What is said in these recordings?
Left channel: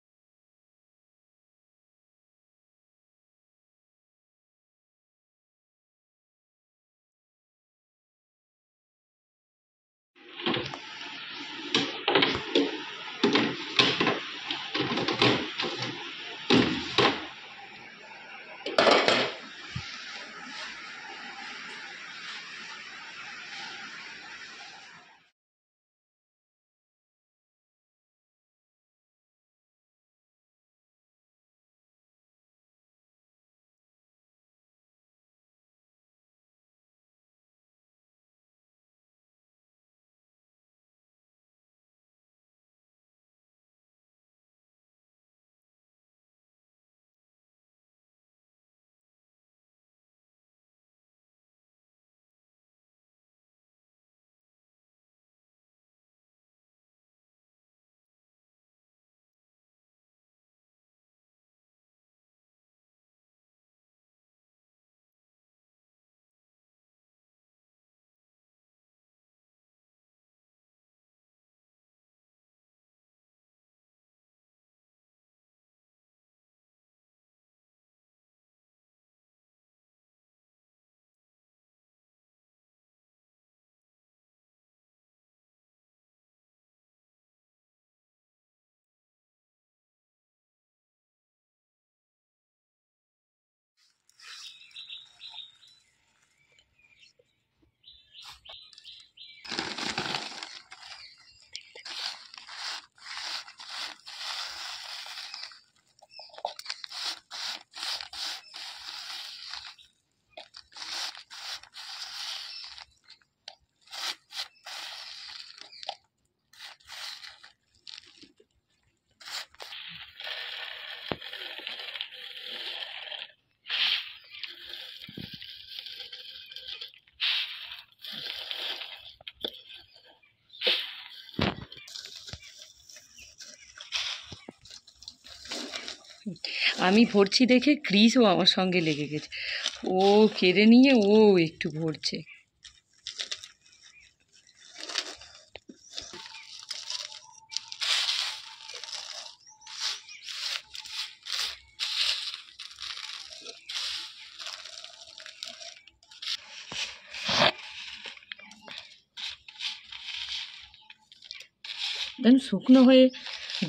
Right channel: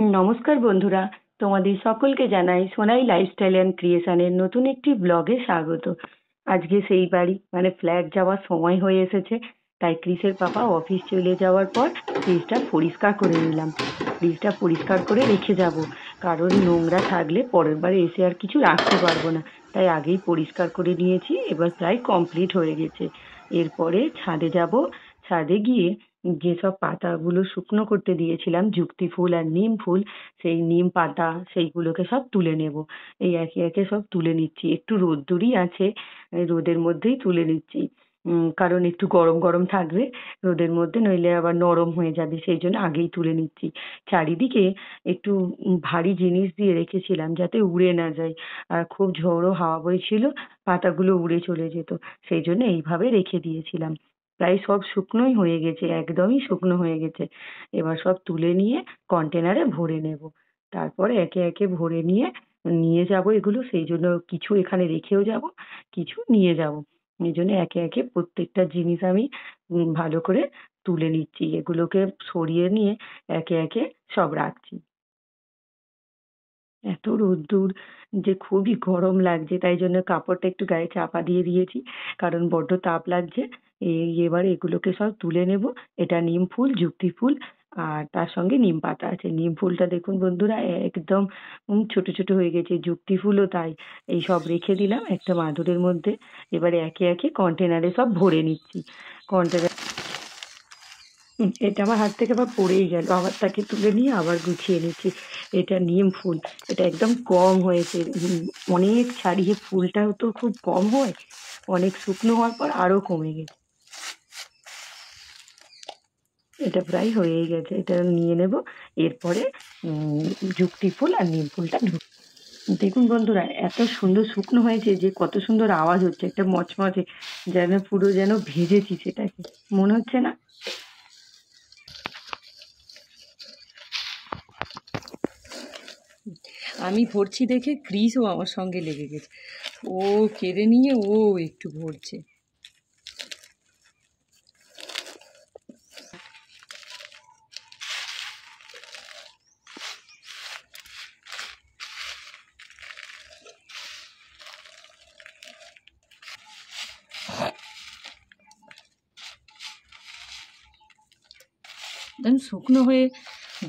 নমস্কার বন্ধুরা, তোমাদের সকলকে জানাই সোনাই লাইফস্টাইল অ্যান্ড ক্রিয়েশনের নতুন একটি ব্লগে স্বাগত। আজকে সেই বাড়ি মানে ফ্ল্যাট যাওয়ার সময় হয়ে এসেছে, তাই ক্রিসের পাপা অফিস চলে যাওয়ার পর ফ্রিজটা পরিষ্কার করে নিলাম। ফ্রিজটা পরিষ্কার করে রেখে যাব, কারণ নোংরা থাকলে পরের বার এসে আর কিছু রাখতে পারবো না, তাই আগেই পরিষ্কার করে নিয়েছি। এবার প্রায় কমপ্লিট হয়ে গেছে। এরপরে ছাদে যাব। ছাদে গিয়ে যেসব পাতাগুলো শুকনো করতে দিয়েছিলাম, যুক্তি ফুল আর নিম ফুল, সেই নিম পাতা সেইগুলোকে সব তুলে নেব। এই একে একে সব তুলে নিচ্ছি, একটু রোদ্দুরই আছে, এই রোদের মধ্যেই তুলে নিচ্ছি। কারণ একটু গরম গরম থাকবে রোদের মধ্যে, নইলে আবার নরম হয়ে যাবে, সেই জন্য আগেই তুলে নিচ্ছি। চারিদিকে একটু ভারী জিনিস দিয়ে রেখেছিলাম যাতে উড়ে না যায়, আর খুব ঝোড়ো হাওয়া বইছিল, পাতাগুলো উড়ে চলে যেত, সেই জন্য এইভাবে রেখে দিয়েছিলাম। প্রায় সব শুকনোই হয়ে গেছে, একদমই শুকনো হয়ে গেছে। এবার সব তুলে নিয়ে কন্টেনারে ভরে নেব। তারপরে একে একে ভরে নিয়ে নিয়ে যাব এগুলো, সেই জন্য কিছু এখানে রেখেও যাব, কিছু নিয়ে যাব। এই জন্য একে একে প্রত্যেকটা জিনিস আমি ভালো করে তুলে নিচ্ছি, এগুলোকে সরিয়ে নিয়ে একে একে সব রাখছি। এত রোদ্দুর যে খুবই গরম লাগছে, তাই জন্য কাপড়টা একটু গায়ে চাপা দিয়ে দিয়েছি, কারণ বড্ড তাপ লাগছে। এবার এগুলোকে সব তুলে নেব। এটা নিম ফুল, যুক্তি ফুল, আর তার সঙ্গে নিম পাতা আছে। নিম ফুলটা দেখুন বন্ধুরা, একদম ছোট ছোট হয়ে গেছে, যুক্তি ফুলও তাই। এই সব রেখে দিলাম একটা মাদুরের মধ্যে। এবারে একে একে কন্টেনারে সব ভরে নিচ্ছি। কন্টেনার এটা আমার হাত থেকে আবার পড়েই গেল, আবার তাকে তুলে নিয়ে আবার গুছিয়ে নিচ্ছি। এটা নিম ফুল, এটা একদম কম হয়েছে। অনেক ছাড়িয়ে ফুলটাও তো খুব কম হয়, অনেক শুকনো হওয়ার পর আরো কমে গেছে। এটা প্রায় হয়েই গেছে, এটা নিয়ে নেব। এরপরে যুক্তি ফুল আর নিম ফুলটা নেব। দেখুন বন্ধুরা, এত সুন্দর শুকনো হয়েছে যে কত সুন্দর আওয়াজ হচ্ছে, একটা মচমচে, যেন পুরো যেন ভেজেছি সেটাকে, মনে হচ্ছে না? আমি ভরছি দেখে ক্রিসও আমার সঙ্গে লেগে গেছে, ও কেড়ে নিয়ে ও একটু ভরছে। একদম শুকনো হয়ে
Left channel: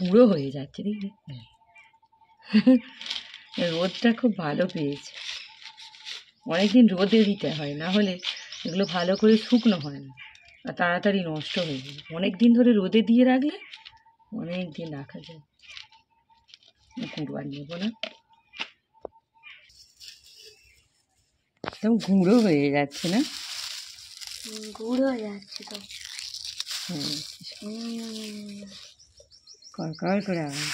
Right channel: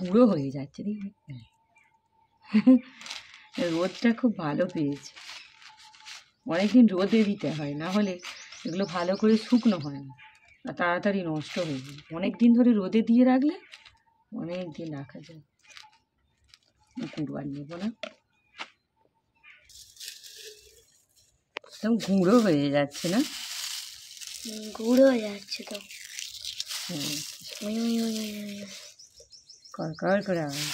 গুঁড়ো হয়ে যাচ্ছে, দেখি রোদটা খুব ভালো পেয়েছে। অনেকদিন রোদে দিতে হয়, না হলে এগুলো ভালো করে শুকনো হয় না আর তাড়াতাড়ি নষ্ট হয়ে যায়। অনেক দিন ধরে রোদে দিয়ে রাখলে অনেক দিন রাখা যায়। গুঁড়ো আর নেবো না, একদম গুঁড়ো হয়ে যাচ্ছে না? গুঁড়ো হয়ে যাচ্ছে তো। কড়কড় করে আওয়াজ।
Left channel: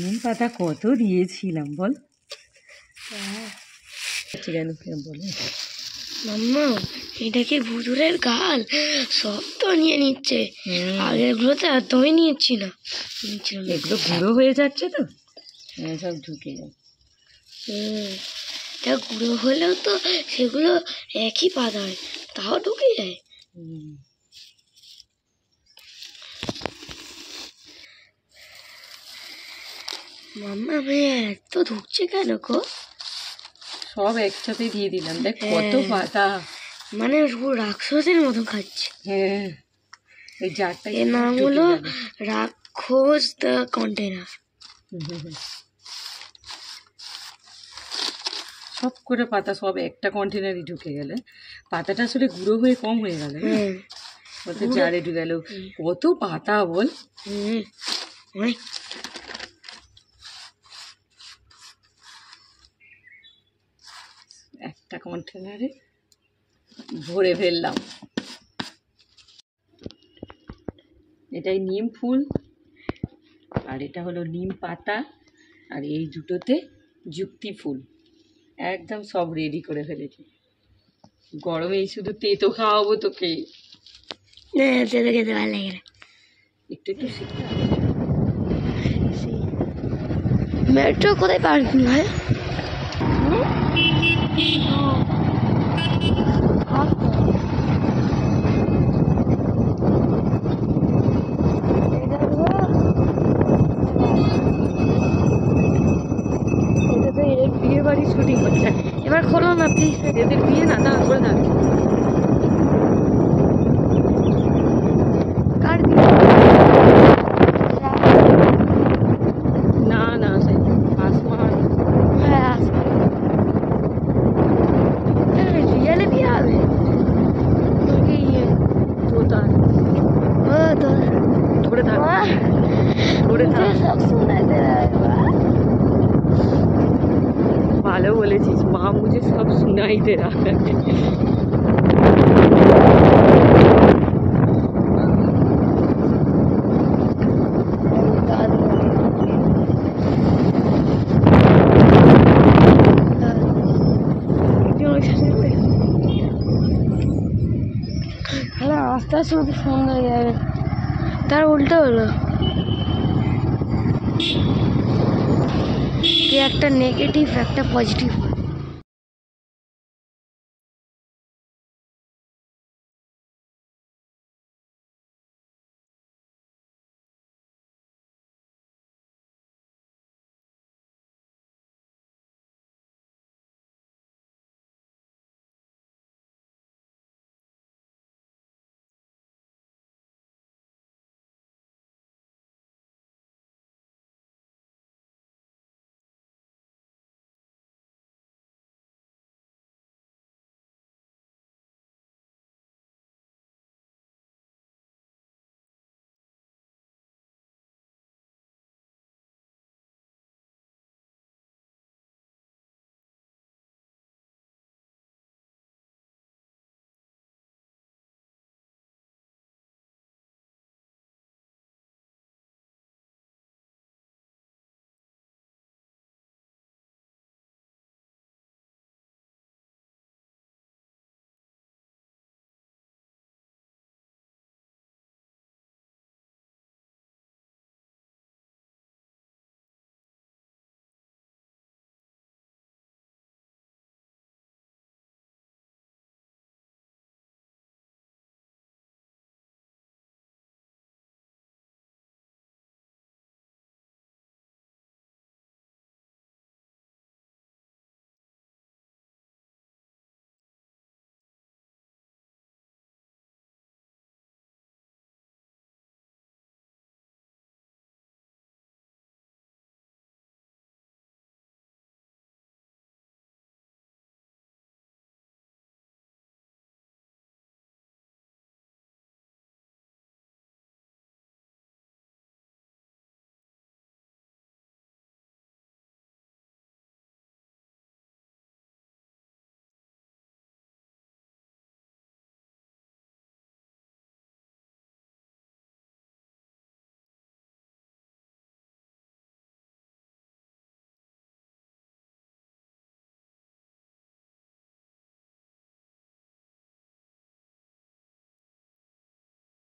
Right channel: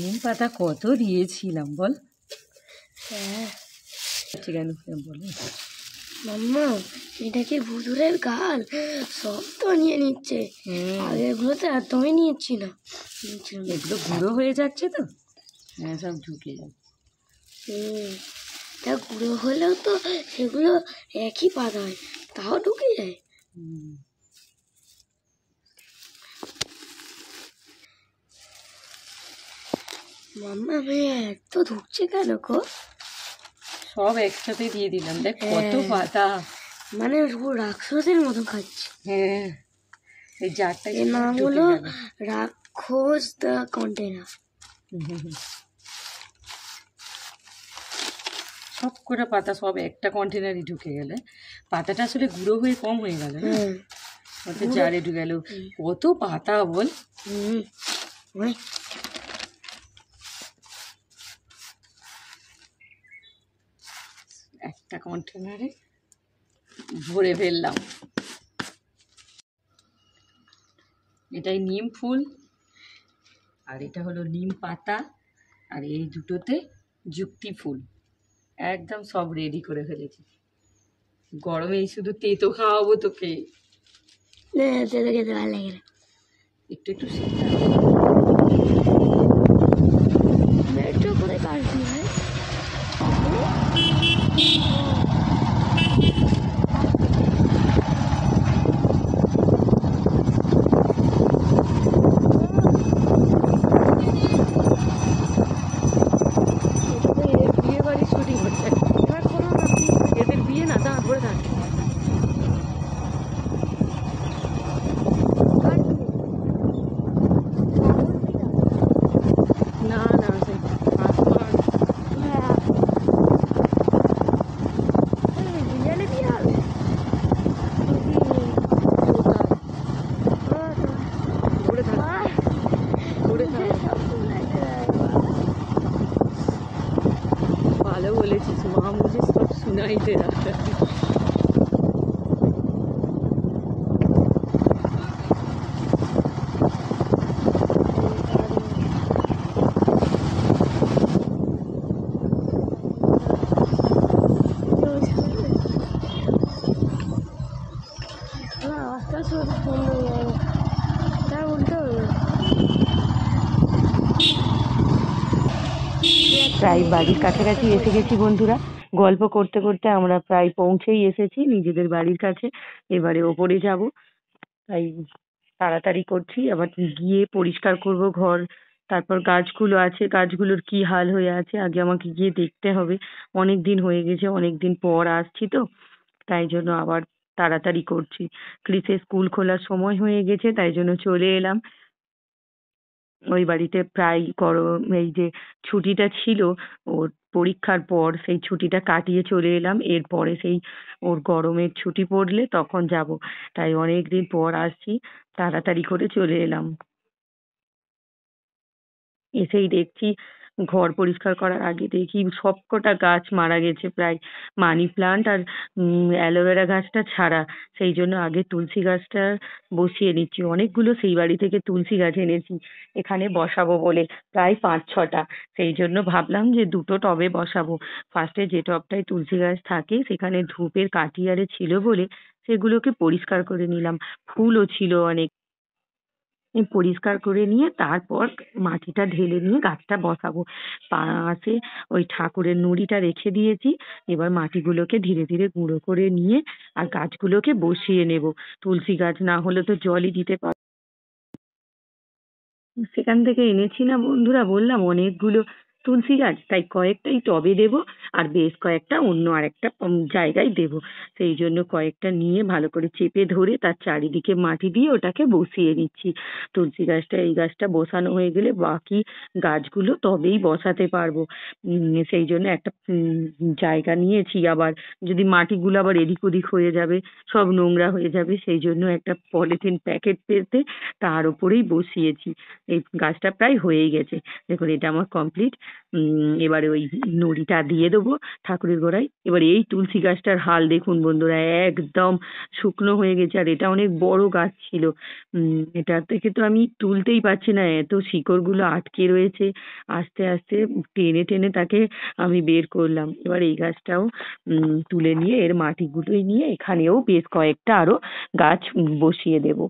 নিম পাতা কত দিয়েছিলাম বল? হ্যাঁ কেন বলো মাম্মা, এটা কি ভুতুরের গাল? সব তো নিয়ে নিচ্ছে। আগেরগুলো তো একদমই নিচ্ছি না। এগুলো গুঁড়ো হয়ে যাচ্ছে তো, সব ঢুকে যায়। তা গুঁড়ো হলেও তো সেগুলো একই পাতা হয়, তাও ঢুকে যায়। মাম্মা আমি এত ঢুকছে কেন গো? সব একসাথে দিয়ে দিলাম, দেখ কত পাতা, মানে রাক্ষসের মতো খাচ্ছে। হ্যাঁ, এই জারটা এর নাম হলো রাক্ষস দ্য কন্টেনার। সব করে পাতা সব একটা কন্টেনারই ঢুকে গেলে, পাতাটা আসলে গুঁড়ো হয়ে কম হয়ে গেল, ওতে জারে ঢুকে গেল। কত পাতা বল? একটা কন্টেনারে ভরে ফেললাম। এটাই নিম ফুল, আর এটা হলো নিম পাতা, আর এই দুটোতে যুক্তি ফুল। একদম সব রেডি করে ফেলেছি। গরমেই শুধু তেতো খাওয়াবো তোকে। তেতো খেতে ভালো লাগে না, একটু একটু মেট্রো কোথায় পার্কিং হয়? ভালো বলেছিস, মা মুঝে সব সুনাই দে রহা হ্যায়। রাস্তা শুধু সুন্দর যাবে, তার উল্টো হলো একটা প্রায় বাড়ির নেগেটিভ একটা কাছাকাছি এসে পজিটিভ। গেছি বন্ধুরা। গল্প করতে করতে আমরা প্রায় পৌঁছেই এসেছি নিজেদের বাড়ির কাছে। এবারে ওপরে যাব, তাই তাড়াতাড়ি করছি। আবার গিয়ে পরিষ্কার করব ঘর। তারপর গাছগুলো আছে, গাছগুলোর কি হাল হয়ে আছে আগে আমাকে গিয়ে দেখতে হবে। অনেক দিন হয়ে গেছে, অনেক দিন পর আসছি তো, তাই জন্য আবার তাড়াতাড়ি করছি। ক্রিসের স্কুল খোলার সময় হয়ে গেছে, তাই জন্য চলে এলাম ওই বাড়িতে। প্রায় এই যে ছুটিটা ছিল ওর পরীক্ষার পর, সেই ছুটিটা কাটিয়ে চলে এলাম। এরপরে সেই ওর গরমের ছুটি পড়লে তখন যাব। তাই অনেকদিন পর আসছি, তাড়াতাড়ি করে চলে এলাম। এসেই দেখছি, ঘর পরিষ্কার করার আগে দেখি সবকটা গাছ মারা গেছে প্রায়। মানি প্লান্ট আর অ্যালোভেরা গাছটা ছাড়া। সেই জন্য আগে তুলসী গাছটা বসিয়ে নিচ্ছি। অনেকগুলো সেই বাড়ি থেকে তুলসী গাছ এনেছি এখানে বসাবো বলে, প্রায় ৫-৬টা। সেই জন্য ভাবলাম যে দুটো টবে বসাবো। ফার্স্টে যে টবটায় তুলসী গাছ থাকে সেখানে ধূপের কাঠি আরে ছিল বলে সেগুলোকে পরিষ্কার করে নিলাম। ফুলও ছিল অনেক। পরিষ্কার করে নিয়ে তারপর মাটিটা ঢেলে নিয়ে গাছটা বসাবো। পাশে ওই ঠাকুরের নুড়িটা রেখে দিয়েছি। এবার মাটিগুলোকে ধীরে ধীরে গুঁড়ো করে নিয়ে আর গাছগুলোকে বসিয়ে নেব। তুলসী গাছ না হলে তো জলই দিতে সেখান থেকে এনেছি না বন্ধুরা, বললাম অনেকগুলো তুলসী গাছ, তাই কয়েকটাই টবে দেবো আর বেশ কয়েকটা অন্য আরেকটা জায়গায় দেবো। সেই জন্য কয়েকটা নিয়ে ভালো করে চেপে ধরে তার চারিদিকে মাটি দিয়ে ওটাকে বসিয়ে নিচ্ছি। তুলসী গাছটা, এই গাছটা বসানো হয়ে গেলে বাকি গাছগুলো তবেই বসাতে পারবো। সেই জন্য একটা জায়গা নিয়েছি। আবার যদি মাটিগুলো আবার এদিক ওদিক হয়ে যাবে, সব নোংরা হয়ে যাবে, সেই জন্য একটা পলিথিন প্যাকেট পেতে তার উপরেই বসিয়েছি। এই গাছটা প্রায় হয়েই গেছে। দেখুন এটা আমার কমপ্লিট। এবারে ওই নুড়িটা দিয়ে দেবো ঠাকুরের গোড়ায়। এবার এই তুলসী গাছটার হাল দেখুন বন্ধুরা, একদম শুকনো হয়ে গেছে। আর এটা অনেক বড় গাছ ছিল। এটা থেকে তো আমি তুলতেই পারছি না, এত শিকড়গুলো আটকে রয়েছে। আস্তে আস্তে টেনে টেনে তাকে আমি বের করলাম। এবার এই গাছটাও তুলে নিয়ে এর মাটিগুলোই নিয়ে এখানেও বেশ কয়েকটা আরো গাছ বসিয়ে দেবো।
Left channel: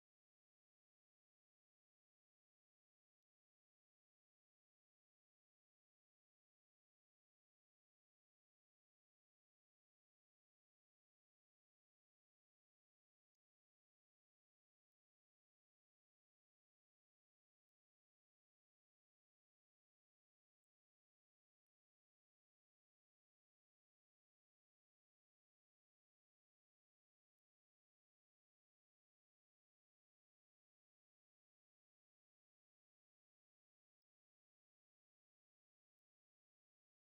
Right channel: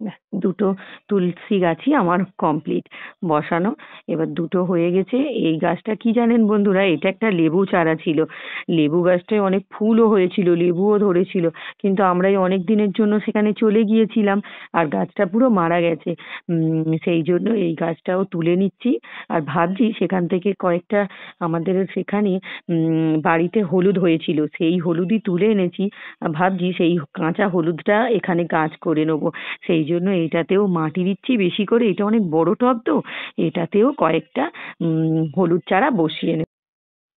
ব্যাস, দুটো তুলসী গাছই আমার কমপ্লিট বসানো। এবার দুটো হয়ে গেছে। এই গাছটা কি জানেন বন্ধুরা, এটা একটা লেবু চারা ছিল। লেবু গাছটায় অনেক ফুলও হয়েছিল, লেবুও ধরেছিল, কিন্তু আমরা এই অনেক দিনের জন্য সেখানে চলে গিয়েছিলাম আর গাছটা পুরো মারা গেছে। সেই জন্য এই গাছটাও তুলে নিচ্ছি। আর ভাবছি সেখান থেকে কয়েকটা আমাদের সেখানে বাড়িতে হলুদ হয়েছিল, সেই হলুদই তুলে এনেছি। ভাবছি সেই কাঁচা হলুদটা এখানে গাছ করে নেবো। সেই জন্য এটাতেও মাটি দিচ্ছি বেশি করে। এটা অনেক বড় টব তো, এটাতেও কয়েকটা হলুদ চারা বসিয়ে নেব।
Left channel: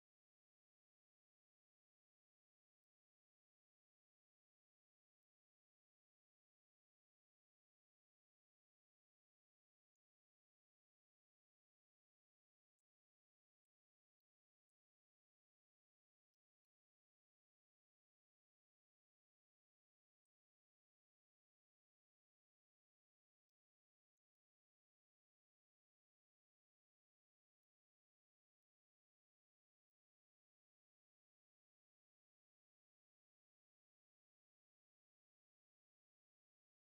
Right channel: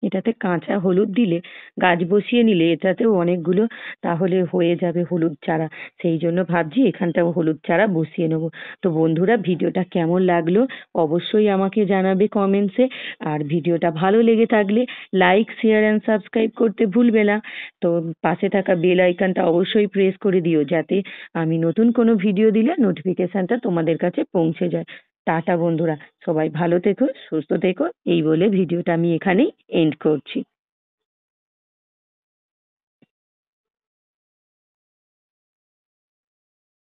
এটাতে কাঁচা হলুদ দিলে, গাছ বসিয়ে নিলে এটাতেও অনেকগুলো তাহলে হয়ে যাবে হলুদ চারা। সেই জন্য ভাবছি এখানটাও হলুদ চারা বসিয়ে নেব। তো বন্ধুরা, ভিডিওটা কেমন লাগলো অবশ্যই আমাকে জানাবে কমেন্টসে। আর ভিডিওটা ভালো লেগে থাকলে লাইক, শেয়ার অ্যান্ড সাবস্ক্রাইব করতে ভুলবে না। তো পাশে থাকা বেল আইকনটা অবশ্যই প্রেস করে দিও, যাতে আমি নতুন কোনো ভিডিও দিলে নোটিফিকেশনটা তোমাদের কাছে পৌঁছে যায়। টাটা বন্ধুরা, সবাই ভালো থেকো, সুস্থ থেকো। এই বলে ভিডিওটা আমি এখানেই এন্ড করছি।